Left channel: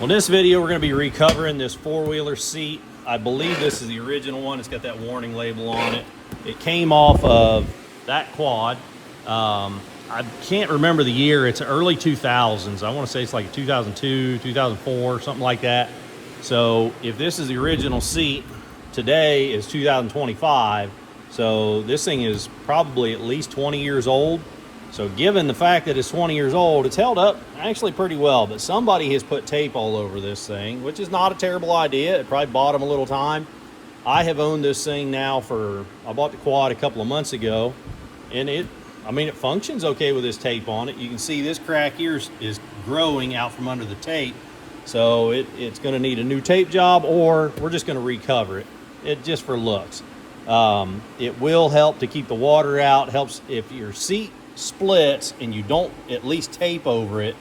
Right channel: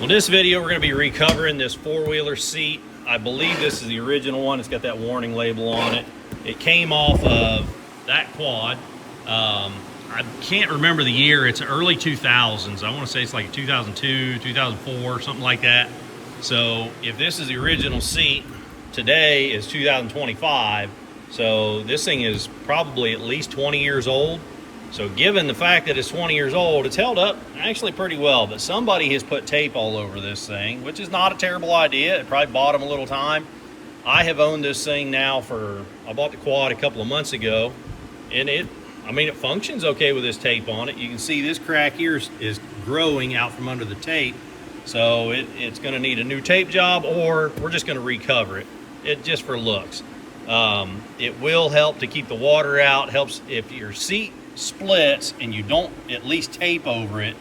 On this video, we're going to be recovering this four-wheeler seat. I believe this is the original one. It's got that warning label on it. It came off of that quad. I can't remember the year. It's early 2000s. I want to say it's like 2002, 2004, something like that. So if this is the original seat, today is 2025. So this thing is probably at least 20 years old. So given the fact that it's 20 years old, it's held up actually pretty well, but somebody has put tape all over this thing, which is not a terrible idea. It probably bought them a little time. I have owned this thing now I bought the quad a couple of months ago, and it functions okay with this tape on it. You can see this crack here is growing out from under the tape. So it's gonna need a new tape job, or we're just gonna recover it just for looks. It will help to keep the water out, helps if your seat splits and you don't at least tape over it.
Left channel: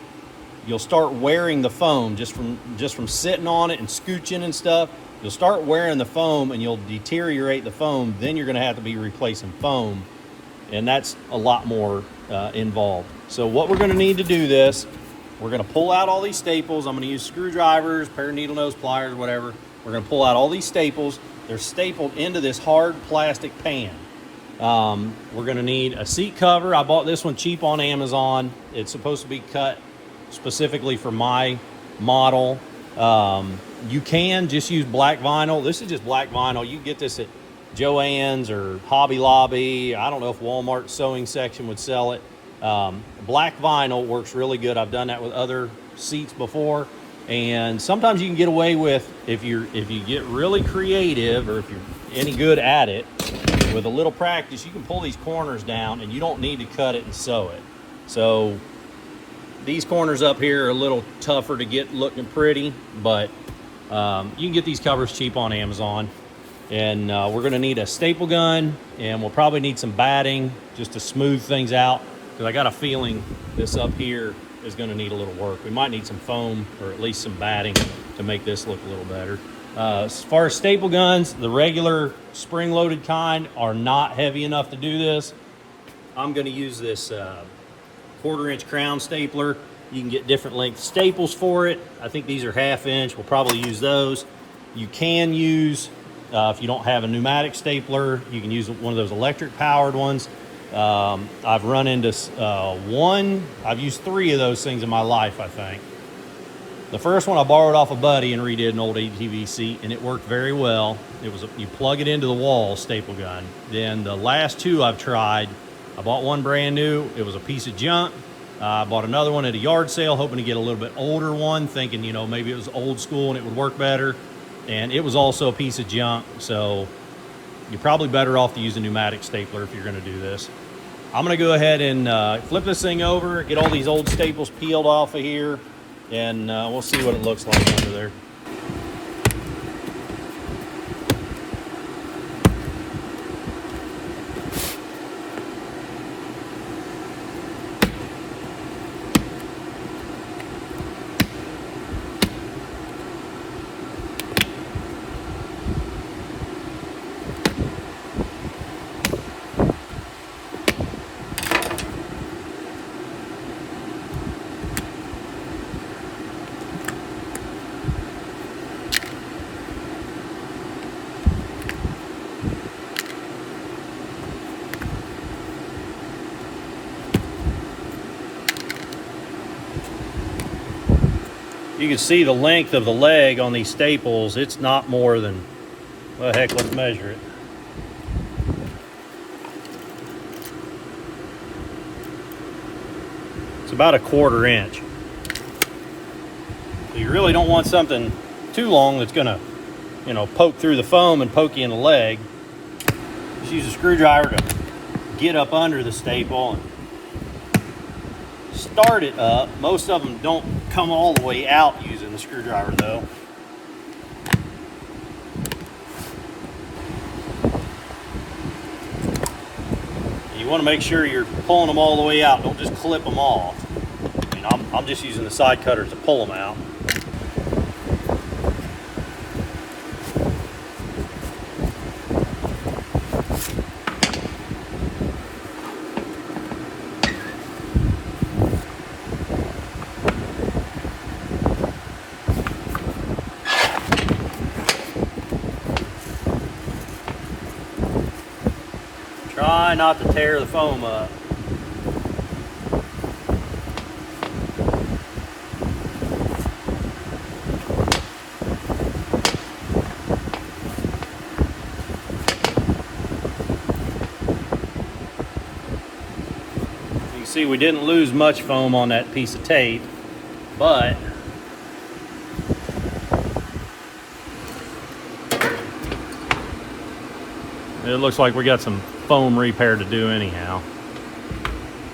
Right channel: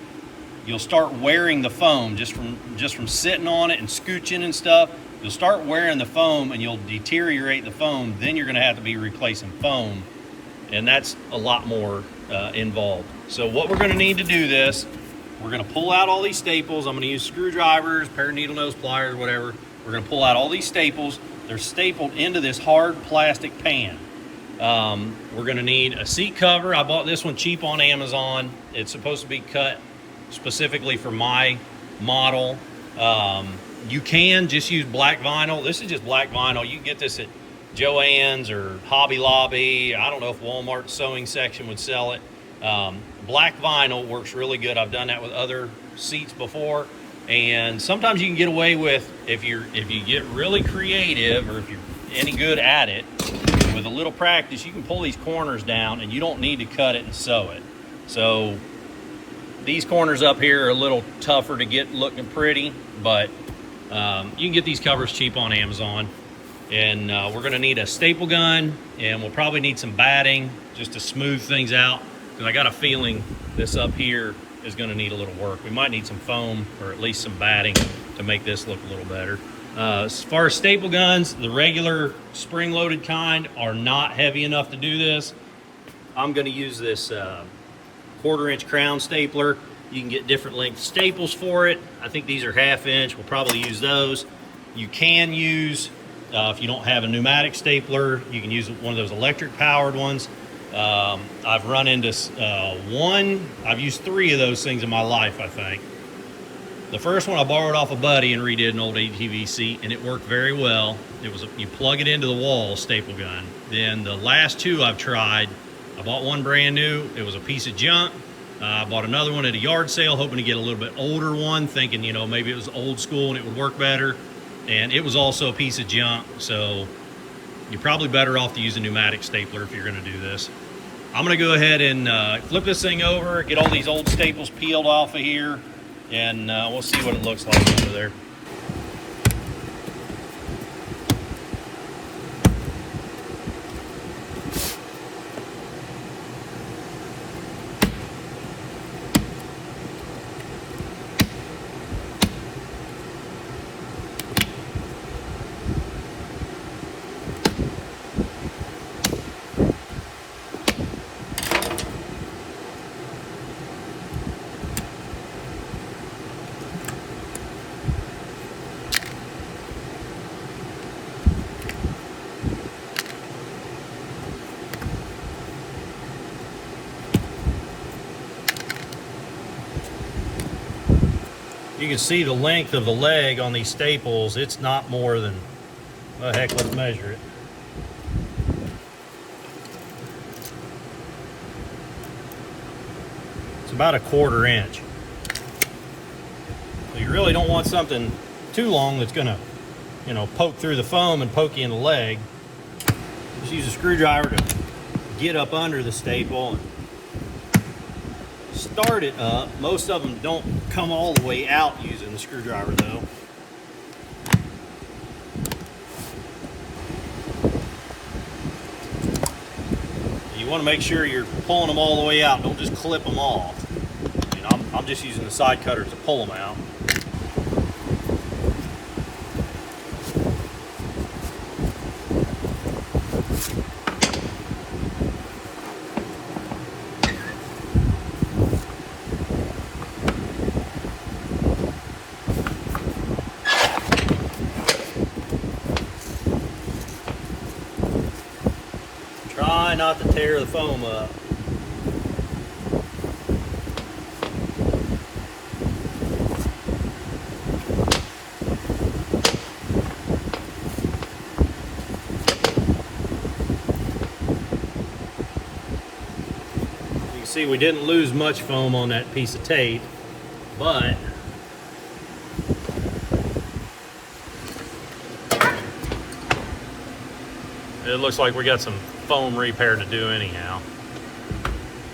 You'll start wearing the foam just from sitting on it and scooching and stuff. You'll start wearing the foam and you'll deteriorate the foam. Then you're going to have to be replacing foam, and that's a lot more involved. So what we're going to need to do this, we're going to pull out all these staples. I'm going to use screwdrivers, pair of needle nose pliers, whatever. We're going to pull out all these staples. They're stapled into this hard plastic pan. We're going to need a seat cover. I bought this one cheap on Amazon. It's supposed to be cut specifically for my model. You can just use black vinyl. This is just black vinyl. You can get this at Joann's or Hobby Lobby. I don't know if Walmart's sewing section would sell it. Black vinyl works really good. I've done that with other seats before. And sometimes you can get away with, if you get really creative, or if you're any good at it, with a little practice, you can pull these corners down and you don't need to cut it and sew it. So these corners up here are a little tougher to get looking pretty, but you can get these covers cheap on Amazon. And we're gonna need a staple gun, and we'll probably need some batting just to smooth things out, because I got a feeling this up here is gonna need a little work. We might need some foam or at least some batting to make this look a little better. As far as staple guns, the regular spring-loaded kind are not heavy enough to do this. I'm going to use this quarter-inch crown stapler. You can get different length staples for it. I think these are half-inch. We'll probably use those. You can use, if you don't have a pneumatic stapler, you can use one of those electric-powered ones. I've run into I've used 3 of those things in my life, I think. The first one I borrowed off a buddy and redid an old ATV seat, and it worked very well. It was you plug it into the wall, staple gun. Then the last 2 I've tried, I bought one brand new. It was a piece of junk. I bought another one at a yard sale, hoping to get a little bit older one, thinking, maybe it was old school and it would work better. And it was also a piece of junk. So you're probably better off to use a pneumatic stapler if you're going to do this. I'm going to go ahead and flip this thing over, get all these old staples peeled off of here, and we'll see what it looks like under there. You can see the length of the leg on these staples. It's not more than, well, heck, let's measure it. It's about a 1/4 inch. So you really don't want something too long that's gonna, poke through the foam and poke you in the leg. Just use a screwdriver to get up under the staple and start it up. Most of them don't come all the way out using the screwdriver though. You want to make sure you're pulling them all the way out. Don't just clip them off. I'm just using the side cutter to pull them out. trying not to tear the foam up. You can see we didn't lose much foam on that piece of tape, but and it looks like we got some foam repair to do anyhow.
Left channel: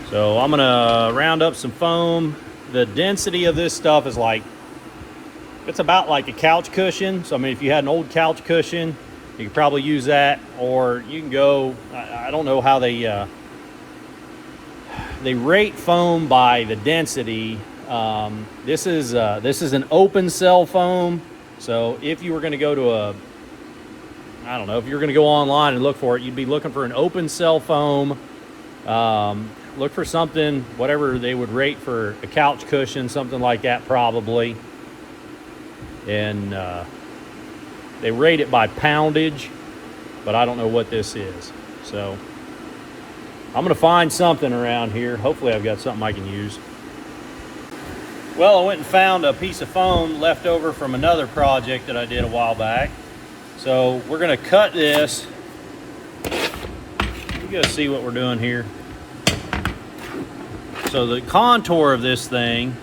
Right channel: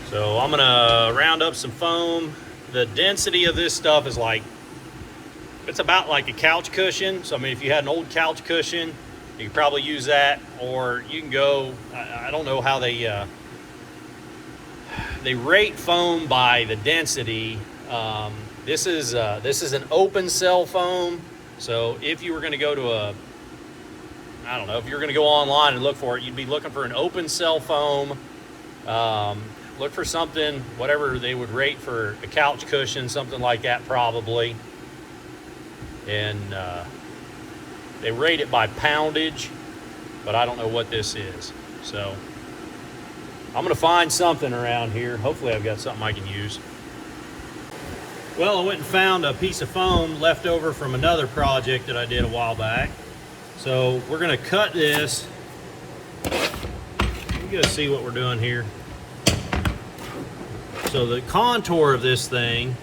So I'm gonna round up some foam. The density of this stuff is like, it's about like a couch cushion. So I mean, if you had an old couch cushion, you could probably use that, or you can go, I don't know how they rate foam by the density. This is an open cell foam. So if you were gonna go to I don't know, if you're going to go online and look for it, you'd be looking for an open cell foam. Look for something, whatever they would rate for a couch cushion, something like that probably. And they rate it by poundage, but I don't know what this is. So I'm going to find something around here. Hopefully I've got something I can use. Well, I went and found a piece of foam left over from another project that I did a while back. So we're going to cut this. You gotta see what we're doing here. So the contour of this thing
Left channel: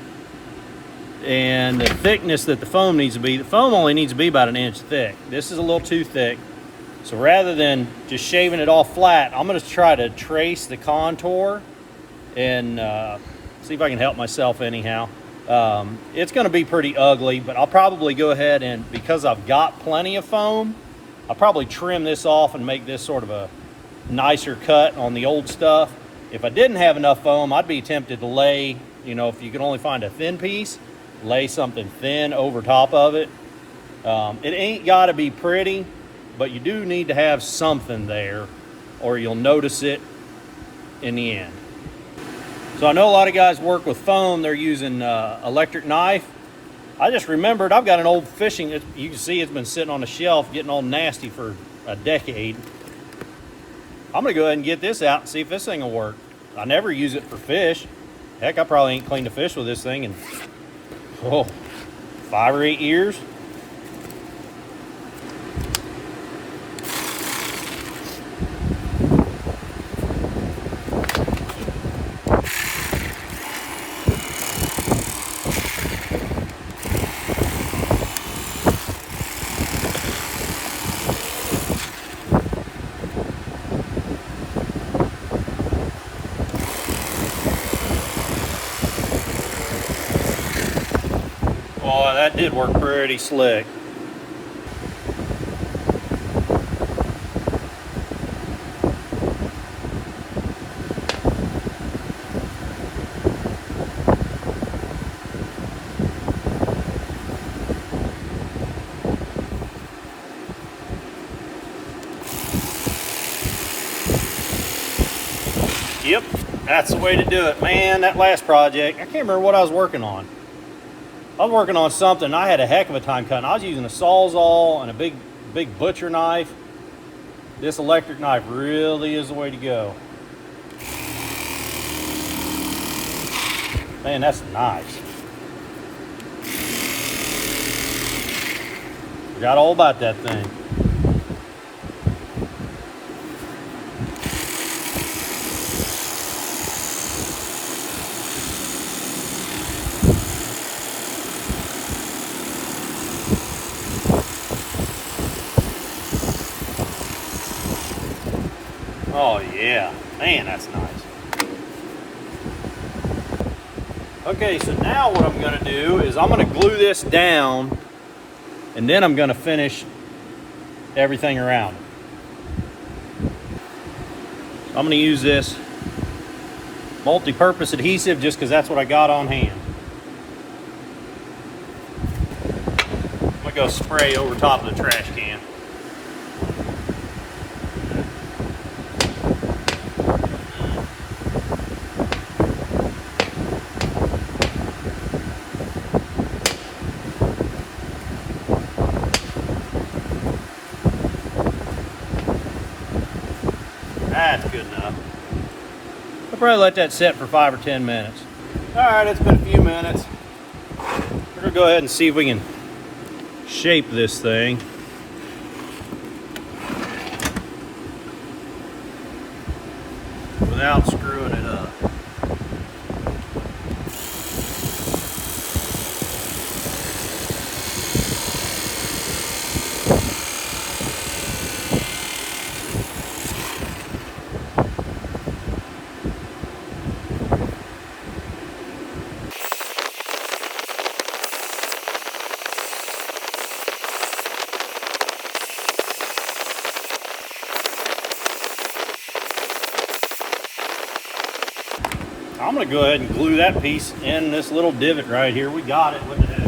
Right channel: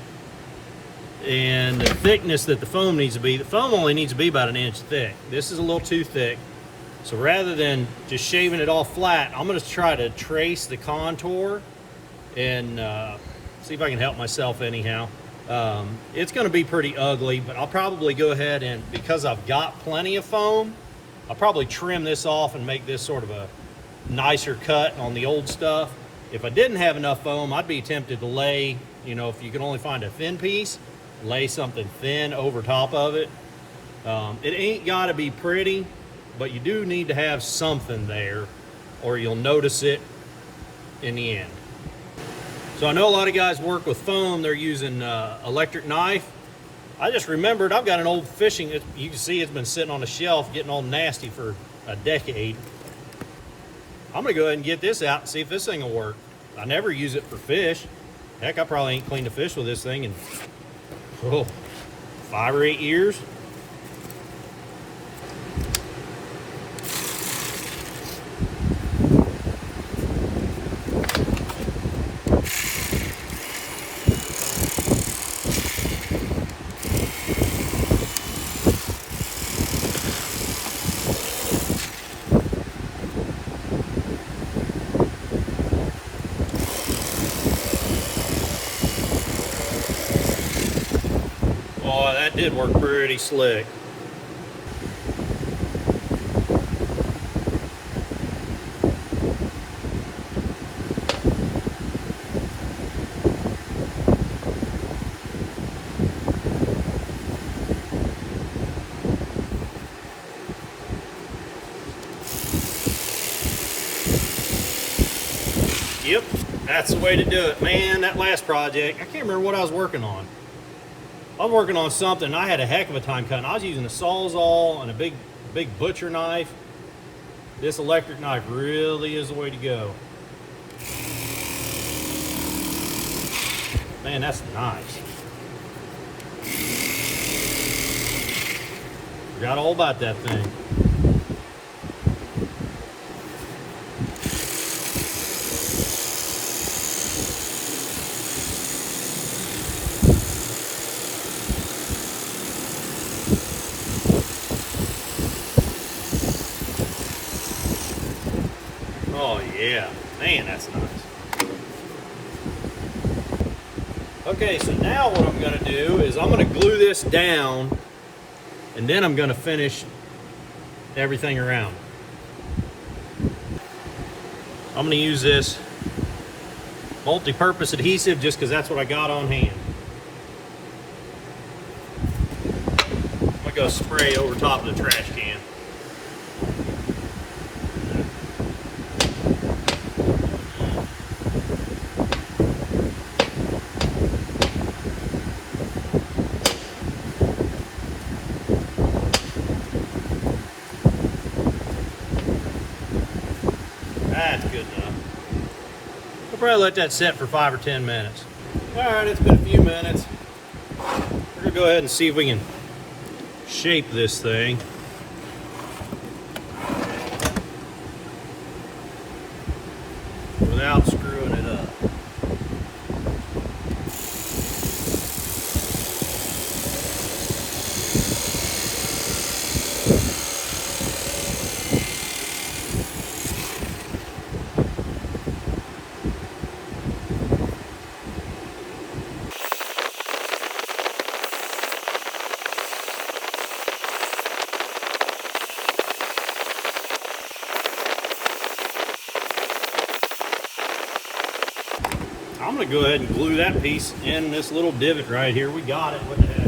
and the thickness that the foam needs to be, the foam only needs to be about 1 inch thick. This is a little too thick. So rather than just shaving it all flat, I'm going to try to trace the contour and see if I can help myself anyhow. It's going to be pretty ugly, but I'll probably go ahead and, because I've got plenty of foam, I'll probably trim this off and make this sort of a nicer cut on the old stuff. If I didn't have enough foam, I'd be tempted to lay, you know, if you can only find a thin piece, lay something thin over top of it. It ain't got to be pretty, but you do need to have something there or you'll notice it in the end. So I know a lot of guys work with foam. They're using electric knife. I just remembered I've got an old fishing, you can see it's been sitting on a shelf getting all nasty for a decade. I'm gonna go ahead and get this out and see if this thing will work. I never use it for fish. Heck, I probably ain't cleaned a fish with this thing in 5 or 8 years. That did work pretty slick. Yep, that's the way to do it. Man, that last project, I can't remember what I was working on. I was working on something. I had a heck of a time cutting. I was using a Sawzall and a big butcher knife. This electric knife really is the way to go. Man, that's nice. Forgot all about that thing. Oh yeah, man, that's nice. Okay, so now what I'm going to do is I'm going to glue this down and then I'm going to finish everything around. I'm going to use this multi-purpose adhesive just because that's what I got on hand. I'm going to go spray over top of the trash can. That's good enough. I'll probably let that sit for 5 or 10 minutes. All right, it's been a few minutes. We're gonna go ahead and see if we can shape this thing. Without screwing it up. I'm going to go ahead and glue that piece in this little divot right here. We got it. Look at that.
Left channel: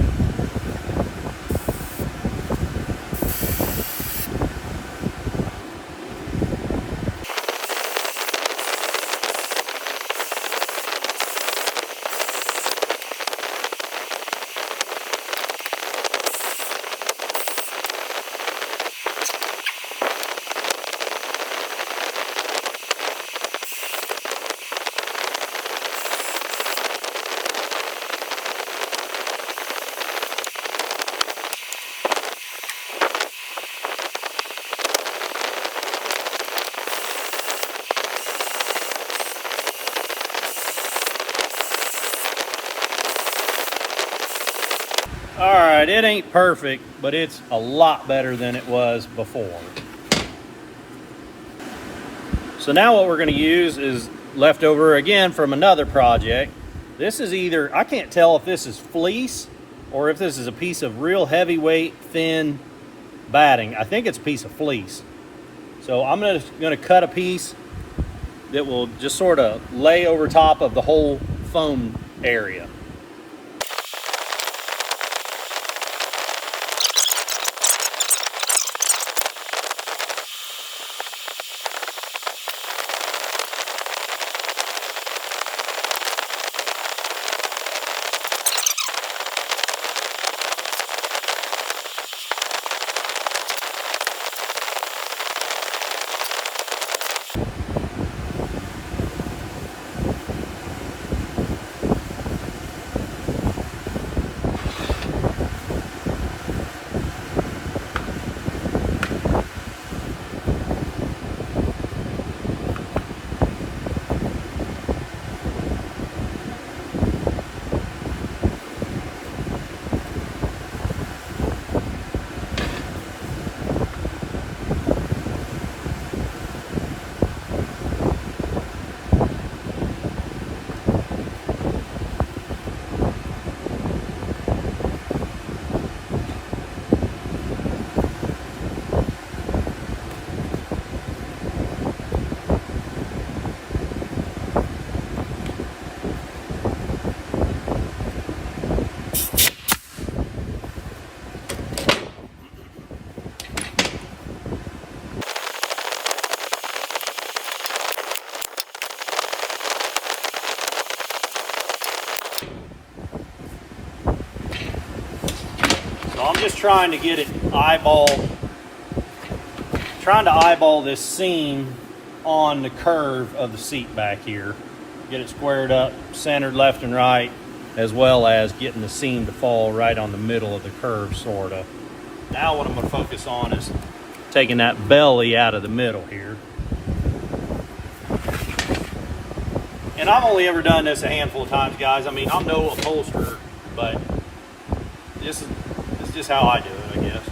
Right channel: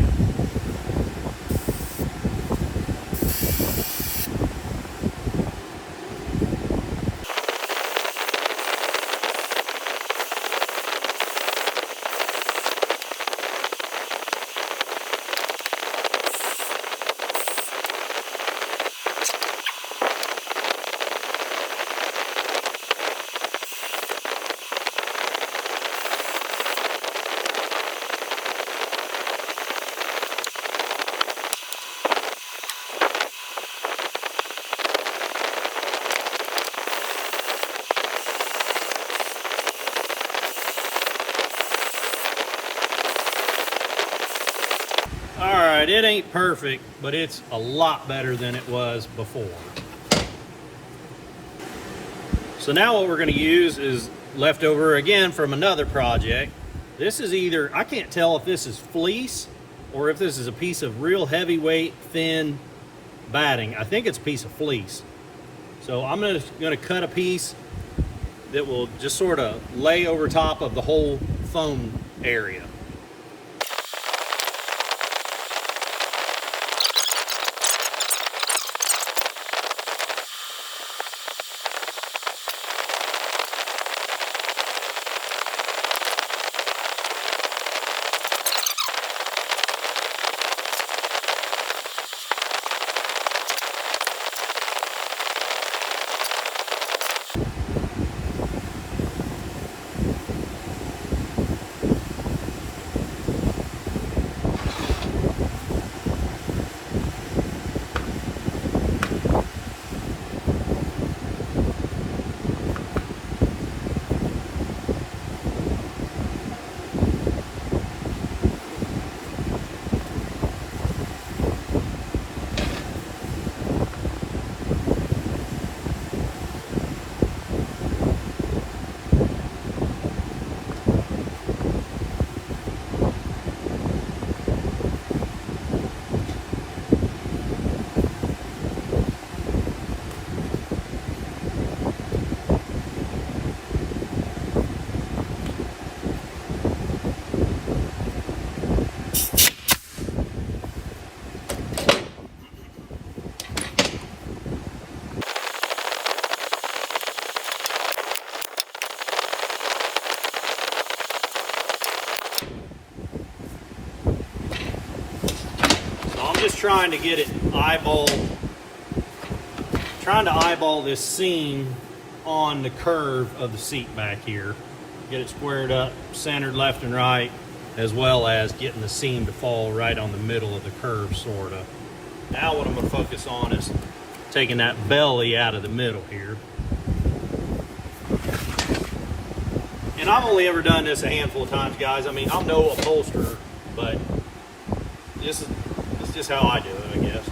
All right, it ain't perfect, but it's a lot better than it was before. So now what we're going to use is leftover again from another project. This is either, I can't tell if this is fleece or if this is a piece of real heavyweight, thin batting. I think it's a piece of fleece. So I'm going to cut a piece that will just sort of lay over top of the whole foam area. I'm just trying to get it eyeballed, trying to eyeball this seam on the curve of the seat back here. Get it squared up, centered left and right, as well as getting the seam to fall right on the middle of the curve, sort of. Now what I'm going to focus on is taking that belly out of the middle here. And I've only ever done this a handful of times, guys. I mean, I'm no upholsterer, but this is just how I do it, I guess.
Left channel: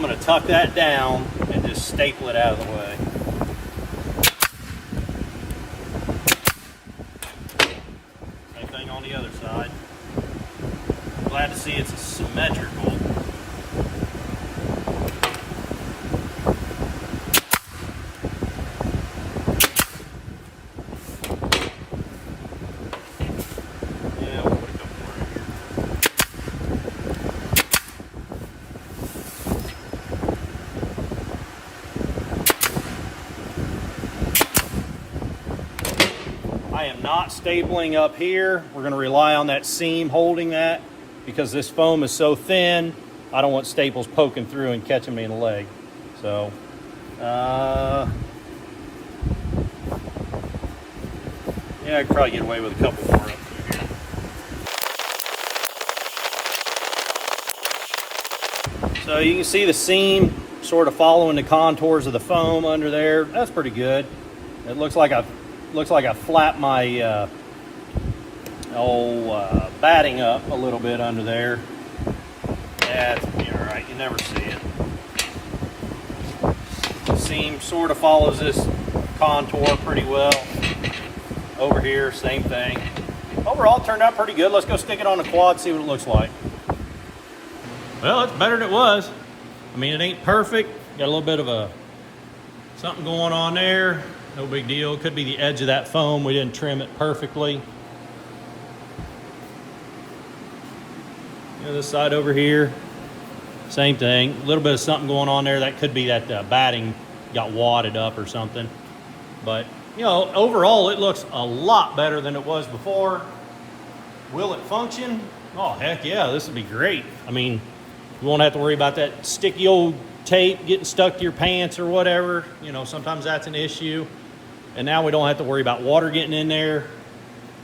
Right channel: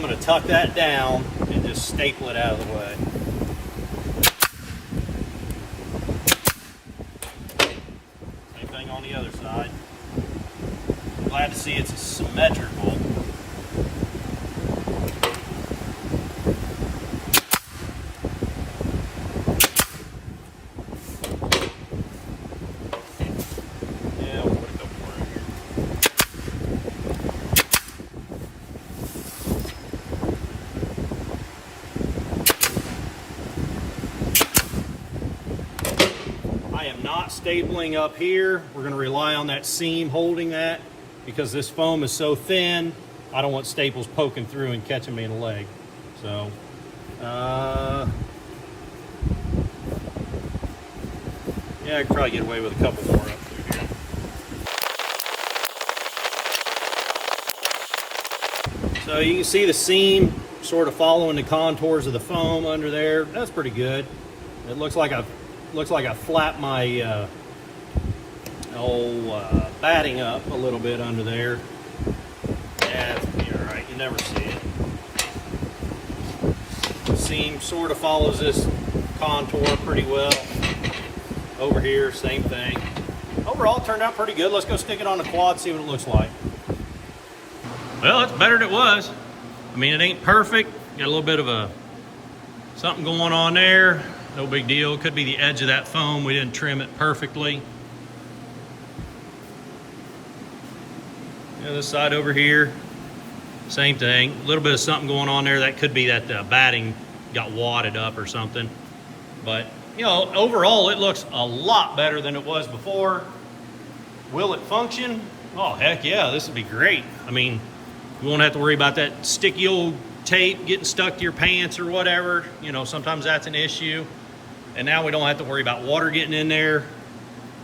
I'm gonna tuck that down and just staple it out of the way. Same thing on the other side. Glad to see it's symmetrical. Yeah, we'll put a couple more in here. I am not stapling up here. We're going to rely on that seam holding that because this foam is so thin. I don't want staples poking through and catching me in the leg. So, yeah, I'd probably get away with a couple more up through here. So you can see the seam sort of following the contours of the foam under there. That's pretty good. It looks like I flapped my batting up a little bit under there. Yeah, it's gonna be all right. You never see it. The seam sort of follows this contour pretty well. Over here, same thing. Overall, it turned out pretty good. Let's go stick it on the quad, see what it looks like. Well, it's better than it was. I mean, it ain't perfect. Got a little bit of something going on there. No big deal. Could be the edge of that foam. We didn't trim it perfectly. This side over here, same thing. A little bit of something going on there. That could be that batting got wadded up or something. But, you know, overall, it looks a lot better than it was before. Will it function? Oh, heck yeah, this would be great. I mean, you won't have to worry about that sticky old tape getting stuck to your pants or whatever. You know, sometimes that's an issue. And now we don't have to worry about water getting in there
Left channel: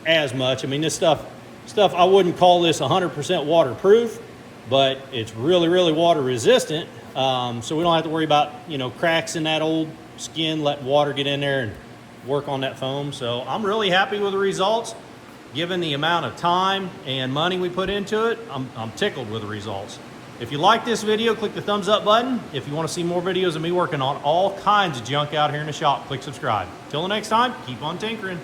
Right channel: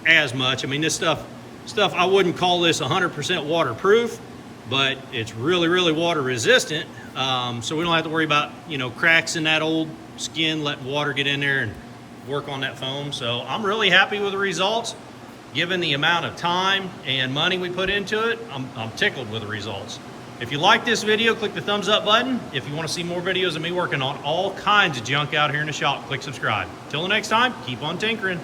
as much. I mean, this stuff, I wouldn't call this 100% waterproof, but it's really, really water resistant. So we don't have to worry about, you know, cracks in that old skin, letting water get in there and work on that foam. So I'm really happy with the results. Given the amount of time and money we put into it, I'm tickled with the results. If you like this video, click the thumbs up button. If you want to see more videos of me working on all kinds of junk out here in the shop, click subscribe. Till the next time, keep on tinkering.